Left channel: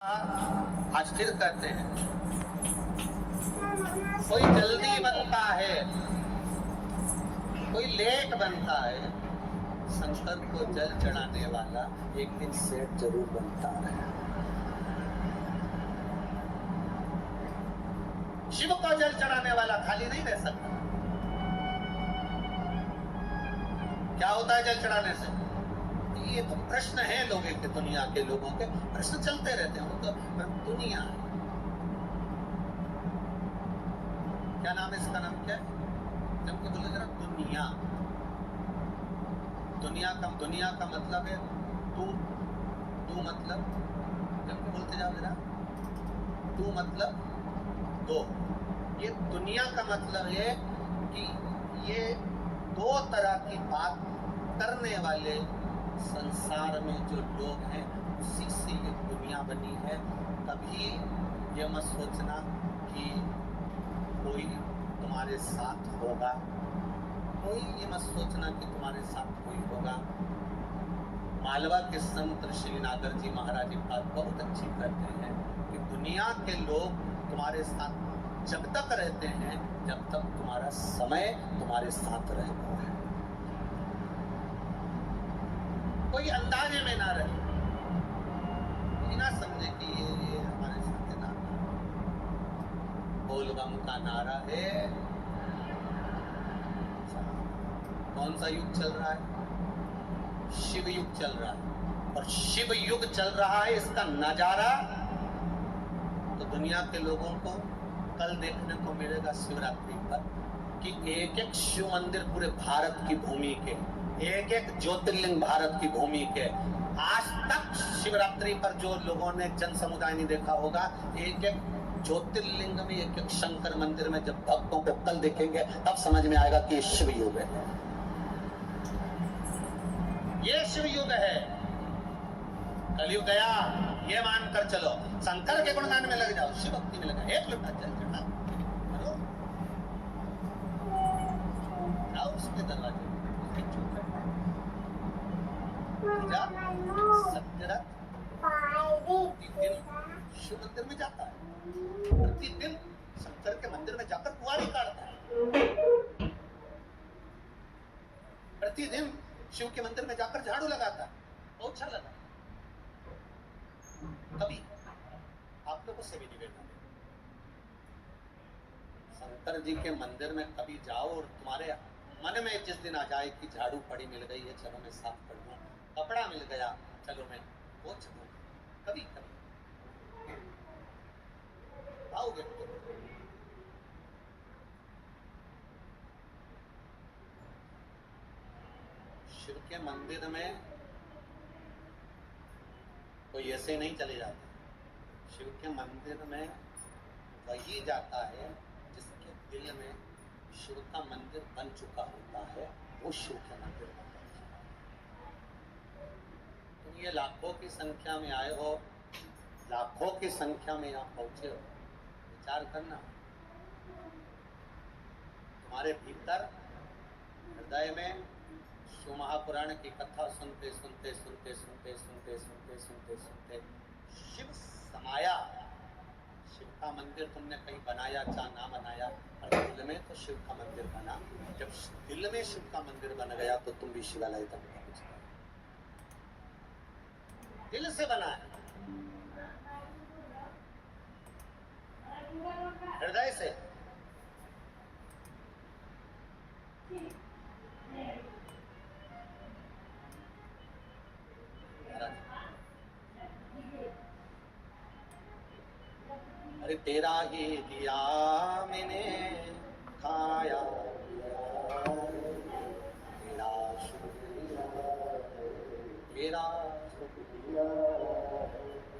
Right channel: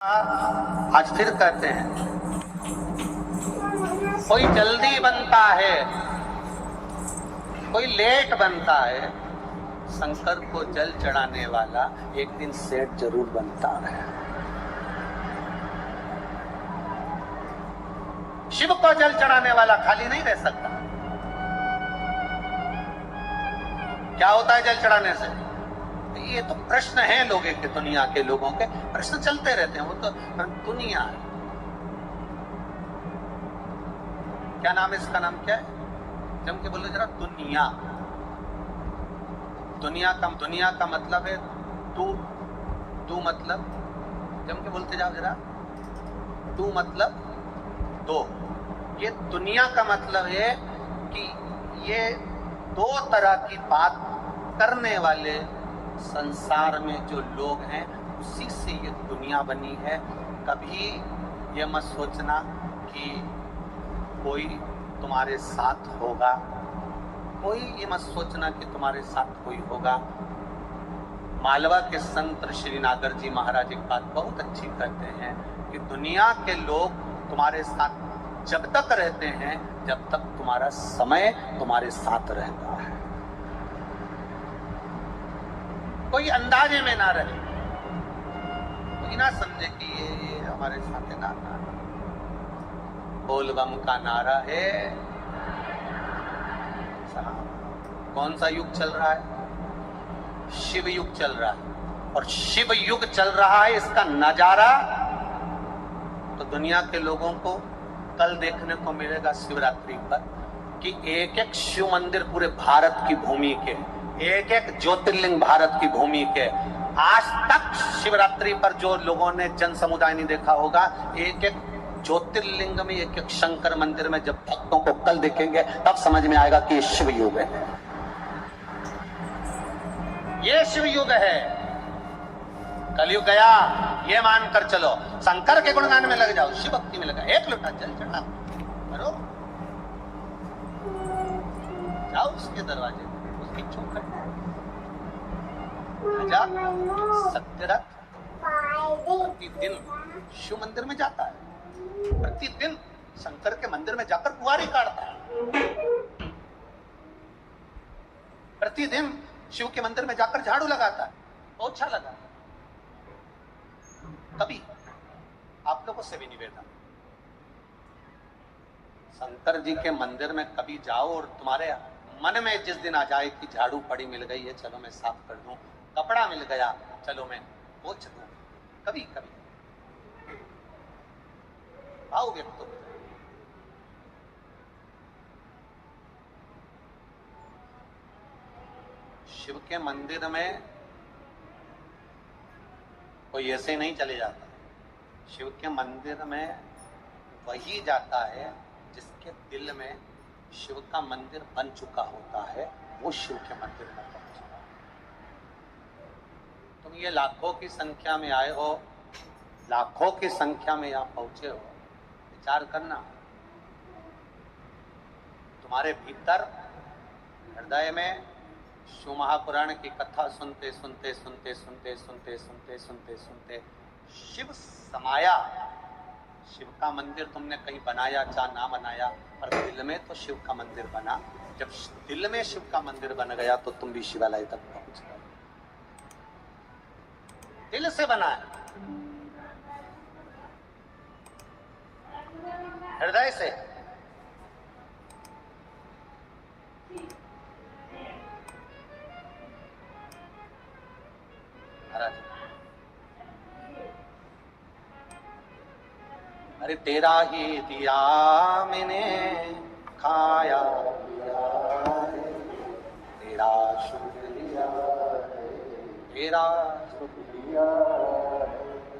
आज फिर कहते हैं, कोई जल्दी बनता है, कोई लेट बनता है, शंकर को जल चढ़ाने वाला एक दिन सेठ जरूर बनता है। शिव को जल चढ़ाने वाला खाली नहीं रह सकता। क्या होता है जल चढ़ाने से? ये तो प्रश्न है लोगों के, दुनिया के लोगों के प्रश्न चलते रहते हैं। वो तो दुनिया है। क्या नाम है इसका? नाम क्या है? जम के बोलो जरा। दुनिया। दुनिया का मतलब है तू मतलब, जम के बोलते जाओ जरा। तू मतलब दो। ये दुनिया का मतलब है कि ये दो तरह की बात करने वाले संसार में जो लोग हैं, उसी से ये दुनिया बनी है। कभी ये मत सोचना कि कोई तुम्हारे साथ होगा, कोई ये मत सोचना कि तुम्हारे साथ कोई होगा। मालवा के संत श्री नागर जी महाराज एक बात बहुत अच्छी कहते हैं कि दुनिया के लोग तुम्हारे साथ जब तक रहते हैं जब तक तुम्हारा समय तुम्हारे साथ रहता है। कोई अंदाजे में ना रहे, कोई ना समझे कि ये हमारे साथ है। ना बोल बम का नारा है। कौन सा युग चल रहा है? शिव युग चल रहा है। और शिव युग चल रहा है, इसका नजारा तो दुनिया के लोगों को कल देखने को मिलेगा शिवरात्रि पर, कि एक एक शिव मंदिर पूरे भारत की भूमि के, एक एक ज्योतिर्लिंग भारत की भूमि के। आज तक शिवरात्रि पर जो लोगों ने जन समुदाय नहीं देखा होगा, एक एक ज्योतिर्लिंग में, एक एक शंकर मंदिर में जब भक्तों को कल देखेंगे तब समझ में आएगा कि ये शिव युग है। ये शिव युग है। कलयुग गया ये मानकर चलो। शंकर के गुणगान में लग जाओ, शिव भक्ति में लगा। एक लोटा जल चढ़ा करो, जाओ उसके दरवाजे, उसकी चौखट सत्यरथ प्रतिदिन शिव मंदिर में जाता है। प्रतिदिन शंकर के मंदिर में जाकर कुंवारी काटता है। प्रतिदिन शिव के मंदिर में जाकर झाड़ू लगाता है, पोछा लगाता है। कभी आप लोगों से भी निवेदन, शंकर जी के मंदिर में कभी जाओ और तुम्हारे मन में जिस दिन आ जाए कि झाड़ू पड़ी मिल गई है, चलो मैं साफ कर दूं, कपड़ा मिल गया चलो मैं पोंछ दूं, कभी कभी आओ व्यक्त। शिव के मंदिर में कोई ऐसे नहीं चले जाता। शिव के मंदिर में वही जाता है जिसके दिल में शिव का मंदिर बन चुका होता है, वो शिव के मंदिर में पहुंचता है। तुम ये लाखों की संख्या में आए हो, लाखों की संख्या में यहाँ पहुंचे हो, विचार करना। तुम्हारे भीतर हृदय में शिव महापुराण की कथा सुनते सुनते सुनते सुनते सुनते सुनते सुनते सुनते शिव समाया। शिव का मंदिर तुमने कहीं बनाया चाहे ना बनाया, पर दिल में तो शिव का मंदिर बना। जब दिल में शिव का मंदिर बन गया तो तुम भी शिवालय तक पहुंच गए। दिल से बना है, हृदय से। अरे तेरा ही दिया मैंने खाया पिया है, तेरा शुक्रिया है, तेरा शुक्रिया है।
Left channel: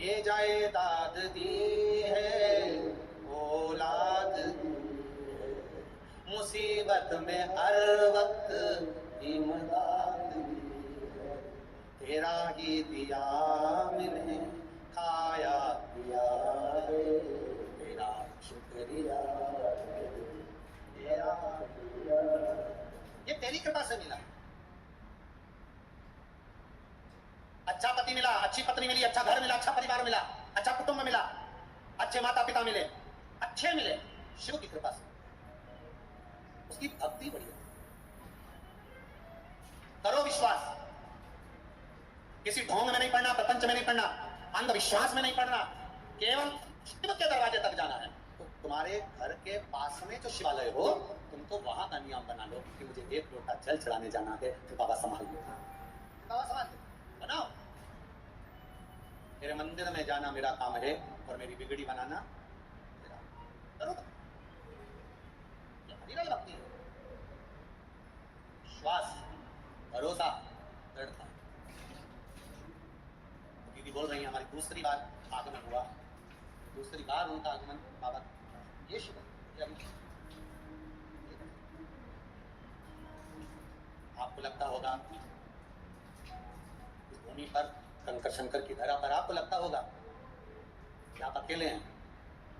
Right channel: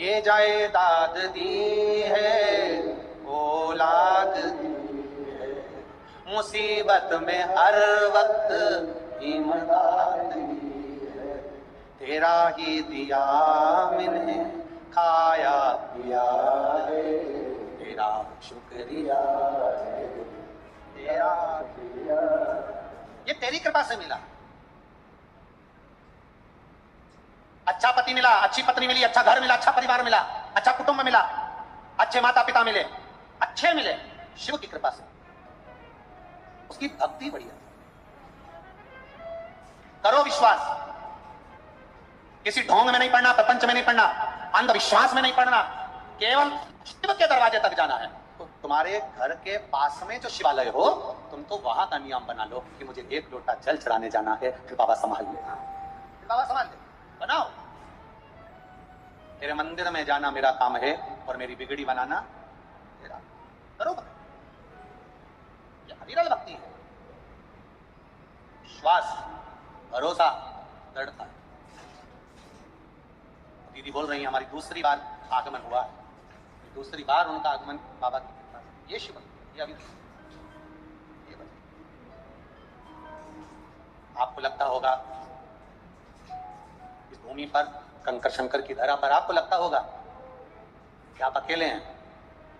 ये जायदाद दी है, औलाद दी है, मुसीबत में हर वक्त इमदाद दी है। तेरा ही दिया मैंने खाया पिया है, तेरा शुक्रिया है, तेरा शुक्रिया। ये तेरी कृपा से मिला। अच्छा पति मिला, अच्छी पत्नी मिली, अच्छा घर मिला, अच्छा परिवार मिला, अच्छा कुटुंब मिला, अच्छे माता पिता मिले, अच्छे मिले शिव की कृपा से, उसकी भक्ति बढ़िया। करो विश्वास, किसी ढोंग में नहीं पड़ना, प्रपंच में नहीं पड़ना, अंधविश्वास में नहीं पड़ना, केवल शिव के दरवाजे तक जाना है। तो तुम्हारे घर के पास में जो शिवालय हो, तुम तो वहां का नियम बना लो कि मुझे 1 लोटा जल चढ़ाने जाना है, फिर बाबा संभाल लेना, फिर बाबा संभाल ले। बनाओ, तेरे मंदिर में जाना मेरा काम है और मेरी बिगड़ी बनाना तेरा। करो, ये अविरल भक्ति है। विश्वास, भरोसा, दृढ़ता। दीदी बोल रही है हमारी दूसरी बार आगमन हुआ है, दूसरी बार उनका आगमन बाबा की कृपा से। ये शिव, ये अभी ये आपको लगता होगा इस भूमि पर, कंकर शंकर की धरा पर आपको लगता होगा कि आप अकेले हैं,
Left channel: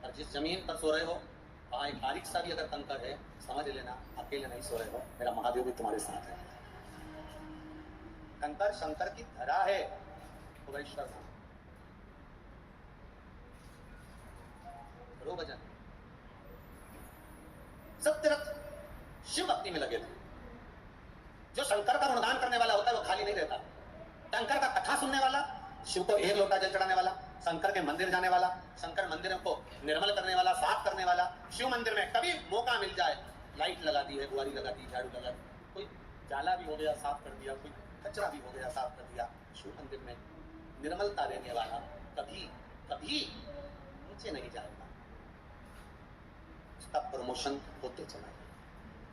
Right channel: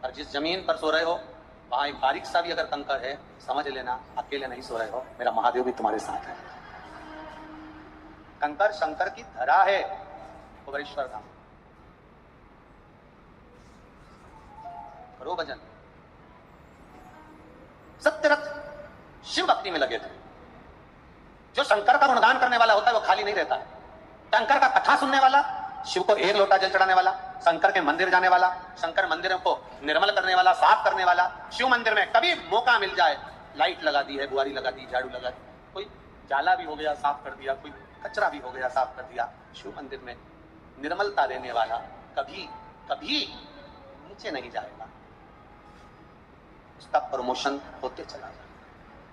और जिस जमीन पर सो रहे हो वहां एक बारीक सा भी अगर कंकर है, समझ लेना अकेले नहीं सो रहे हो, मेरा महादेव भी तुम्हारे साथ है। कंकर शंकर की धरा है भुवनेश्वर धाम। करो भजन। सत्यरथ शिव भक्ति में लगे थे। जो शंकर का गुणगान करने वाला होता है वो खाली नहीं रहता है। शंकर का कथा सुनने वाला, शिव को 1 लोटा जल चढ़ाने वाला, शंकर के मंदिर जाने वाला, शंकर मंदिरों को निर्मल करने वाला, साफ करने वाला, शिव मंदिर में कभी मौका मिल जाए, लाइट लगा दी है, बुआरी लगा दी, झाड़ू लगा दी, कोई जाला भी हो गया साफ कर दिया, कोई कचरा भी हो गया साफ कर दिया, शिव मंदिर में निर्मलता देने वाला कभी कभी नीचे नहीं जाएगा, उसका प्रमोशन होते चला जाएगा।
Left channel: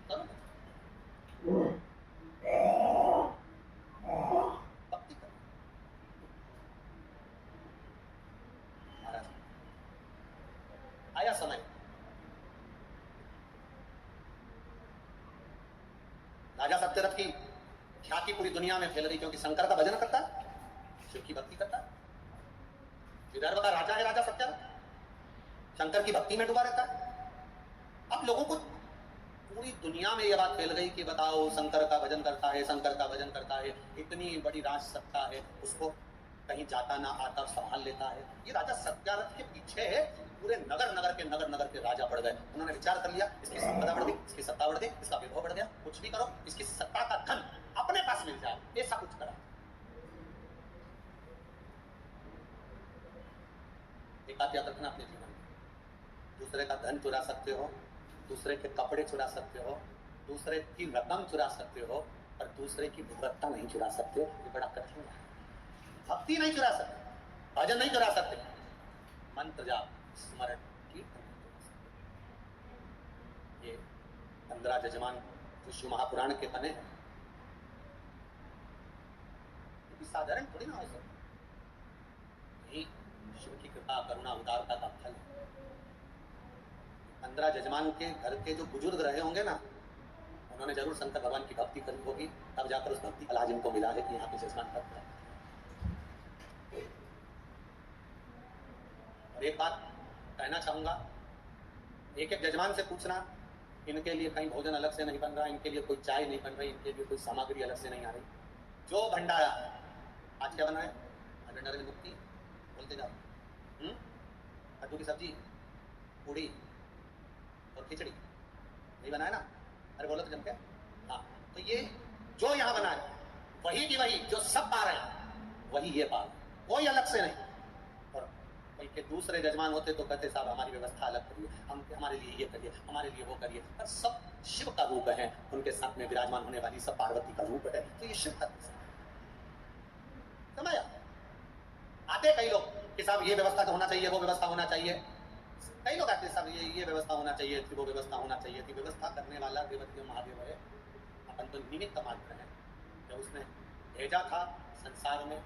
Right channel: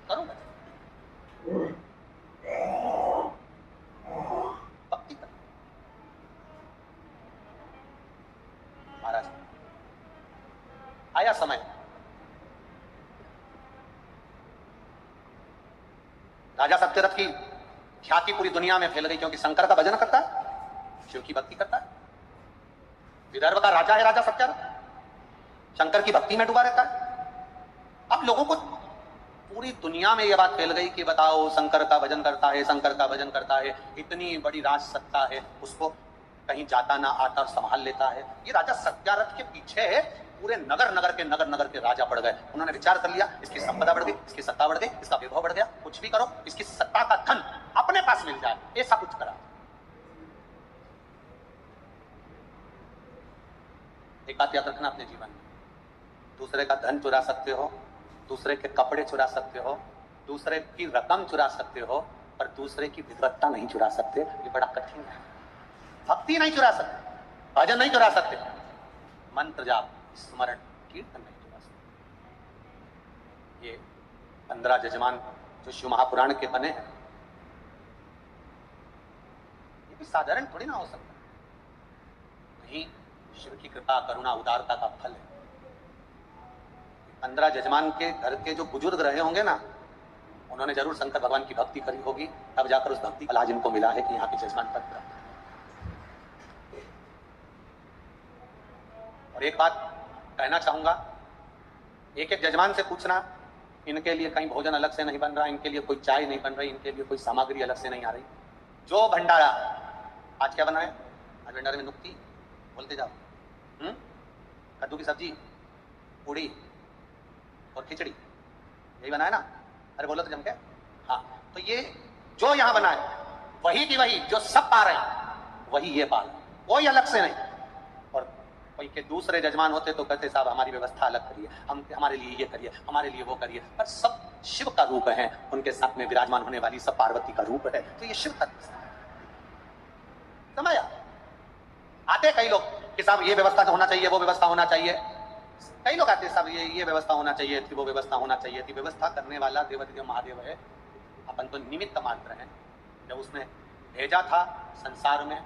करो भक्ति करो। महाराज आया समय, राजा सत्यरथ की ख्याति पूरी दुनिया में फैल गई, क्योंकि शंकर का भजन करता है, शिव की भक्ति करता है। विदर्भ का राजा है राजा सत्यरथ, शंकर की भक्ति में डूबा रहता है। अब लोगों को पूरी दुनिया में यह बात फैल गई कि बताओ शंकर का भजन करता है, शंकर का भजन करता है, इतनी बड़ी राज सत्ता है, उसको कहीं जाता ना आता संभाल लेता है। ये राजा सत्यारथ के पीछे है, पूरे नगर के राजा पड़ गए। उन्होंने विचार कर लिया, इसकी संपदा बढ़ गई, इसकी सत्ता बढ़ गई, इसका वैभव बढ़ गया, कुछ भी करो इसकी सत्ता का धन अपने पास मिल जाए, ऐसा कुछ करा। एक बात याद रखना अपने जीवन में, दूसरे का धन चुरा सकते हो, दूसरे के कपड़े चुरा सकते हो, दूसरे की रकम चुरा सकते हो, पर दूसरे की विद्वत्ता नहीं चुरा सकते। ये बड़ा कठिन है। भक्ति नहीं चुरा सकते, भजन नहीं चुरा सकते, मंत्र जाप स्मरण कीर्तन नहीं चुरा सकते। ये 15 जजमान जो शिव महापुराण के बने हैं, ये भी साधारण थोड़ी ना हो सकता, नहीं शिव की कृपा करुणा उदारता का फल है। 15 जजमान के घर के जो बुजुर्ग रहे होंगे ना, उन्होंने जरूर शंकर भगवान की भक्ति करी होगी, तब जाकर उस भक्ति का लाज इनको मिला है कि यहाँ के जजमान पद प्राप्त। और एक बात कहना चाहूंगा, एक एक जजमान से पूछना, इनके लिए कहीं भोजन अलग से नहीं बन रहा, इनके लिए कोई चाय नहीं बन रही, इनके लिए कोई सामग्री अलग से नहीं आ रही। जो भंडारा आज क्या बनाया, आज भंडारे में नुक्ती बोलते जाओ, कद्दू की सब्जी, पूड़ी और खिचड़ी, यही बनाया ना? अरे बोलो तो जम के। हाँ, तो ये जो यहाँ बनाए वही की वही, जो सब पा रहे हैं वही ये पा रहे, कोई अलग से नहीं। और कोई के दूसरे जजमान होते तो कहते साहब हमारी व्यवस्था अलग करिए, हम हमारे लिए ये करिए, हमारे लिए वो करिए, पर सब शिव का रूप है, उनके साथ में विराजमान होने वाली सब पार्वती का रूप है, तो ये शिव का समय आते कई लोग कि साहब ये व्यवस्था होना चाहिए, वो व्यवस्था होना चाहिए। कई लोग आते साहब ये व्यवस्था होना चाहिए थी, वो व्यवस्था होना चाहिए थी। व्यवस्था करने वाला देवाधिदेव महादेव है, अपन तो निमित्त मात्र हैं। जब उसने भेजा था संसार में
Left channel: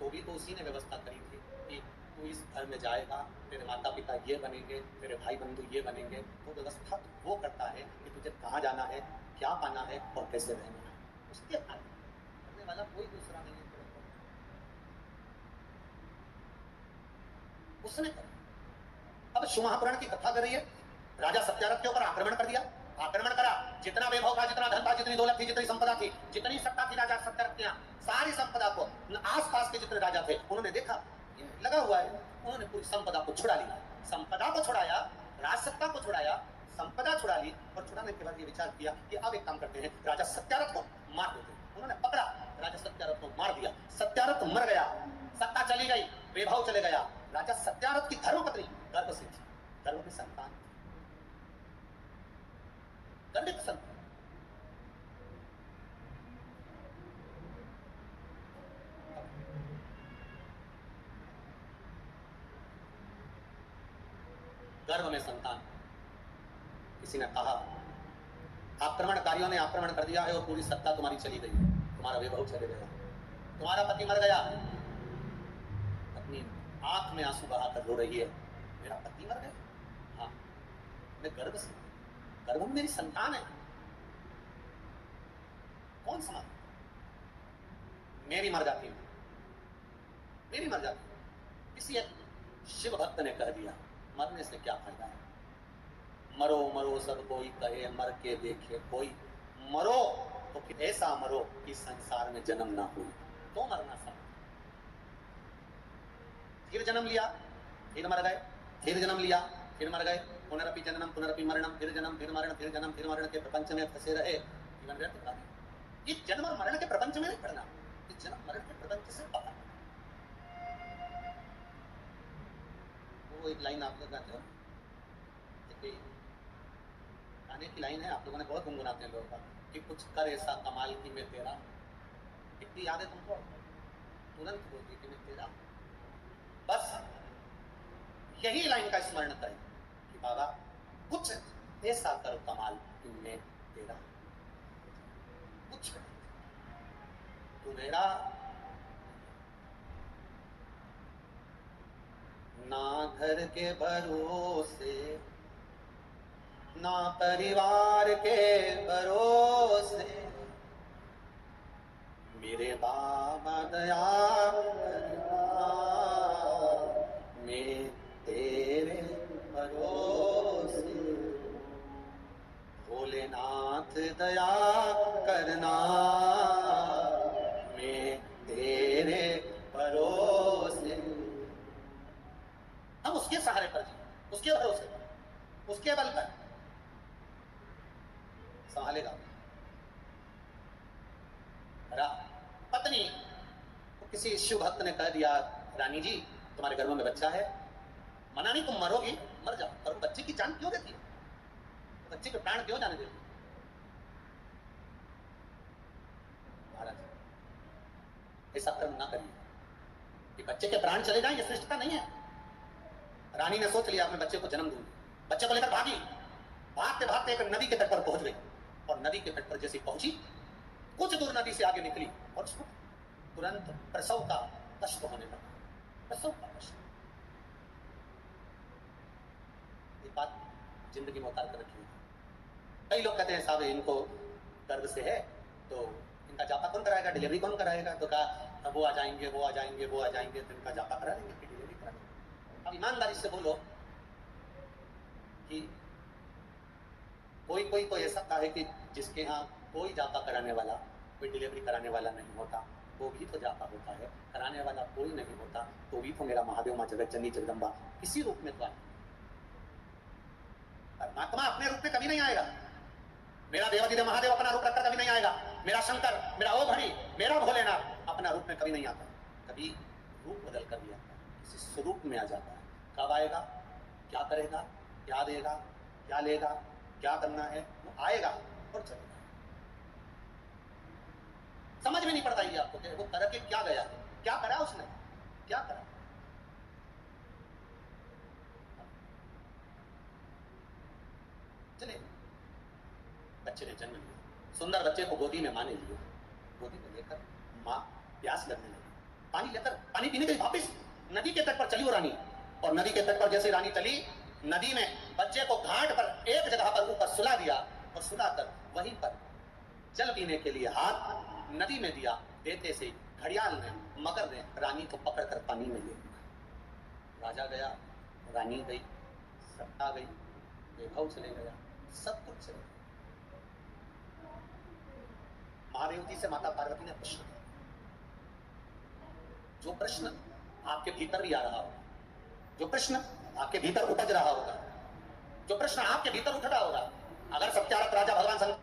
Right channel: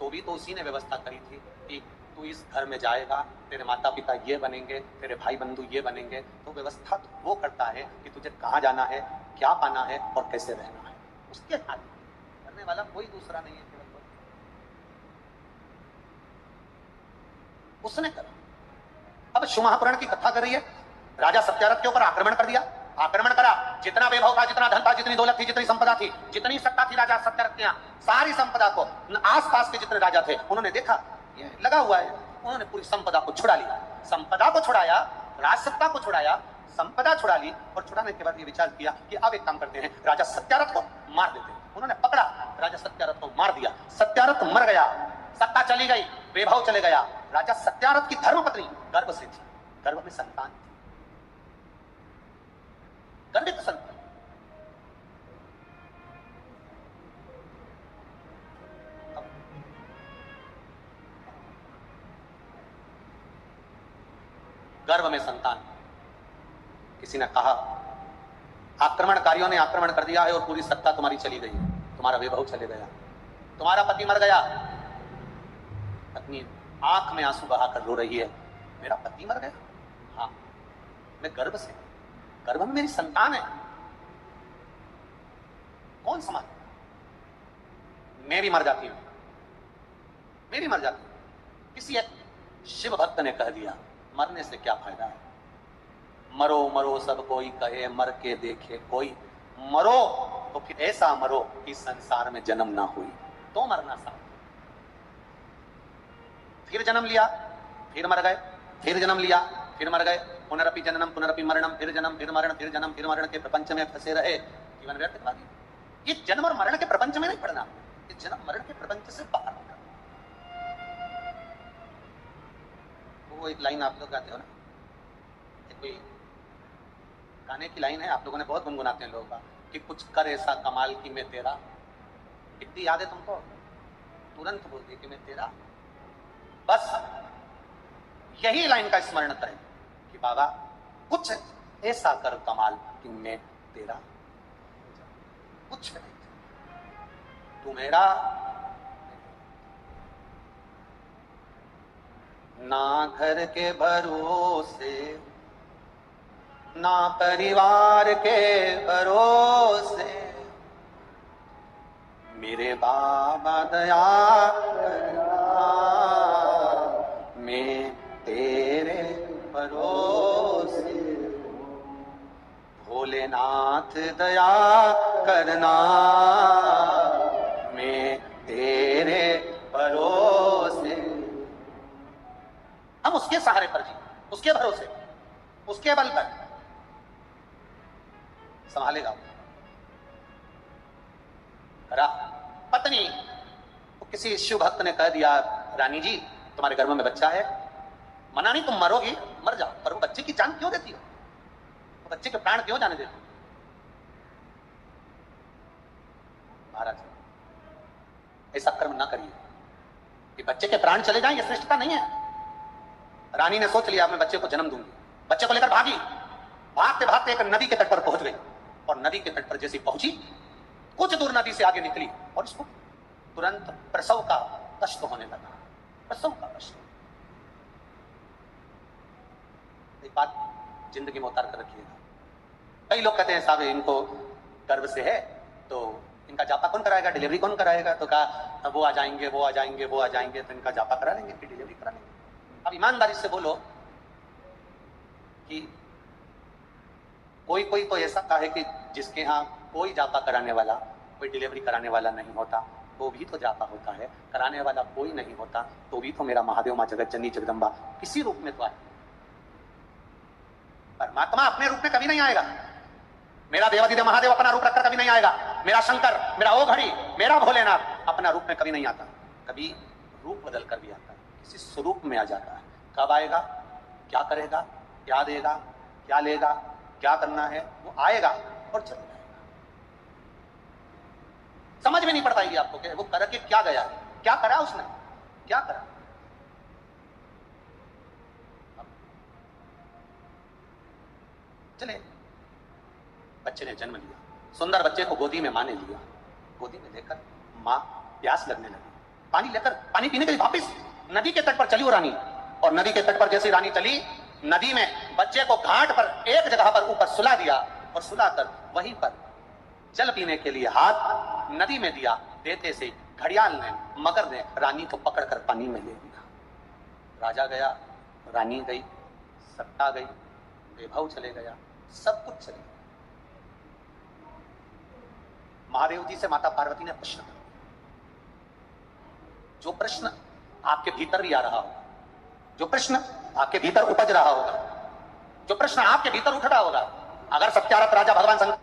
तो भी तो उसी ने व्यवस्था करी थी कि तू इस घर में जाएगा, तेरे माता पिता ये बनेंगे, तेरे भाई बंधु ये बनेंगे। तो व्यवस्था तो वो करता है कि तुझे कहाँ जाना है, क्या पाना है और कैसे रहना है, उसके हाथ करने वाला कोई दूसरा नहीं है, उसने करा। अब शिव महापुराण की कथा कर रही है, राजा सत्यारथ के ऊपर आक्रमण कर दिया, आक्रमण करा, जितना वैभव था, जितना धन था, जितनी दौलत थी, जितनी संपदा थी, जितनी सत्ता थी राजा सत्यारथ के यहाँ, सारी संपदा को आसपास के जितने राजा थे उन्होंने देखा ये लगा हुआ है, उन्होंने पूरी संपदा को छुड़ा लिया, संपदा को छुड़ाया, राजसत्ता को छुड़ाया, संपदा छुड़ा ली, और छुड़ाने के बाद ये विचार किया कि अब एक काम करते हैं, राजा सत्यारथ को मार देते हैं। उन्होंने पकड़ा, राजा सत्यारथ को मार दिया, सत्यारथ मर गया, सत्ता चली गई, वैभव चले गया। राजा सत्यारथ की धर्मपत्नी गर्भ से थी, गर्भ में संतान थी, गर्भित संतान। गर्भ में संतान। किसी ने कहा आक्रमणकारियों ने आक्रमण कर दिया है और पूरी सत्ता तुम्हारी चली गई, तुम्हारा वैभव चले गया, तुम्हारा पति मर गया। पत्नी आंख में आंसू बहाकर रो रही है, मेरा पति मर गया, हाँ, मैं गर्भ से, गर्भ में मेरी संतान है, कौन संभाल? मैं भी मर जाती हूं, मैं भी मर जाती हूं। किसी एक शिव भक्त ने कह दिया मरने से क्या फायदा है, मरो मरो सब कोई कहे, मर के देखे कोई, मरो तो फिर ऐसा मरो कि संसार में जन्म ना हुई, तो मरना सा। फिर जन्म लिया, फिर मर गए, फिर जन्म लिया, फिर मर गए, पुनरपि जननम पुनरपि मरणम, फिर जन्म फिर मरण, फिर जन्म फिर मरण के प्रपंच में फंसे रहे, जीवन व्यर्थ करवा दिया। ये जन्म और मरण के प्रपंच में नहीं पड़ना, ये जन्म मरण के प्रपंच से बाहर होना। वो एक लाइन आप लोग गाते हो ना, कोई गाने की लाइन है, आप लोगों ने बहुत गुनगुनाते हैं लोग कि कुछ कर ऐसा कमाल की मैं तेरा, कितनी याद है तुमको, तुरंत बोल दी कि मैं तेरा। बस यही लाइन का स्मरण करें कि बाबा कुछ ऐसा कर कमाल कि मैं तेरा, कुछ नहीं, तू मेरा। ना घर के भरोसे, ना परिवार के भरोसे, मेरे बाबा दया करना, मैं तेरे भरोसे, भोलेनाथ दया करना, मैं तेरे भरोसे। हम उसके सहारे पर जी, उसके भरोसे, उसके बल पर संभालेगा। पत्नी तो किसी शिव भक्त ने कह दिया रानी जी तुम्हारे गर्भ में बच्चा है, मना नहीं, तुम मरोगी, मर जाओ, पर वो बच्चे की जान क्यों देती हो, तो बच्चे के प्राण क्यों जाने देती? महाराज ऐसा कर्म ना करिए कि बच्चे के प्राण चले जाएं, ये श्रेष्ठता नहीं है। रानी ने सोच लिया मैं बच्चे को जन्म दूंगी, बच्चे को लेकर भागी, भागते भागते एक नदी के तट पर पहुंच गई, और नदी के तट पर जैसी पहुंची, कुछ दूर नदी से आगे निकली और इसको तुरंत प्रसव का कष्ट होने लगा, प्रसव का कष्ट। एक बात जिंदगी में उतार कर रखिएगा, कई लोग कहते हैं साहब इनको गर्भ से है तो इनका जापा कौन कराएगा, डिलीवरी कौन कराएगा, तो कहा वो आ जाएंगे, वो आ जाएंगे, वो आ जाएंगे, तो इनका जापा करा लेंगे, फिर डिलीवरी करा लेंगे। अब ईमानदारी से बोलो कि कोई कोई तो ऐसा है कि जिसके यहाँ कोई जापा कराने वाला, कोई डिलीवरी कराने वाला नहीं होता, वो भी तो जापा होता है, कराने वाला कोई नहीं होता, तो भी तो मेरा महादेव माँ जगत जननी जगदम्बा किसी रूप में तो आए। परमात्मा अपने रूप में कभी नहीं आएगा, मेरा देवाधिदेव महादेव अपना रूप रखकर कभी नहीं आएगा, मेरा शंकर, मेरा ओ घड़ी, मेरा भोलेनाथ अपना रूप में कभी नहीं आता, कभी रूप बदल कर भी आता है, किसी स्वरूप में आ जाता है। कब आएगा, क्या करेगा, क्या देगा, क्या लेगा, क्या करना है, वो आएगा और चला जाएगा। समझ में नहीं पड़ पाएगी आपको कि वो करके क्या गया, क्या करा उसने, क्या करा। चले बच्चे ने जन्म लिया, सुंदर बच्चे को गोदी में माँ ने लिया, गोदी में लेकर माँ प्यास लगने लगी, पानी लेकर पानी पीने के लिए वापस नदी के तट पर चली वो रानी, और नदी के तट पर जैसे रानी चली, नदी में बच्चे को घाट पर एक जगह पर ऊपर सुला दिया, और सुलाकर वहीं पर जल पीने के लिए हाथ नदी में दिया, देते से घड़ियाल ने, मगर ने रानी को पकड़कर पानी में ले लिया। राजा गया, रानी गई, सत्ता गई, वैभव चले गया, सब कुछ चले गया। महादेव जी से माता पार्वती ने प्रश्न किया, जो प्रश्न आपके भीतर भी आ रहा हो, जो प्रश्न आपके भीतर उपज रहा होगा, जो प्रश्न आपके भीतर उठ रहा होगा, अगर सत्यारथ राजा भगवान शंकर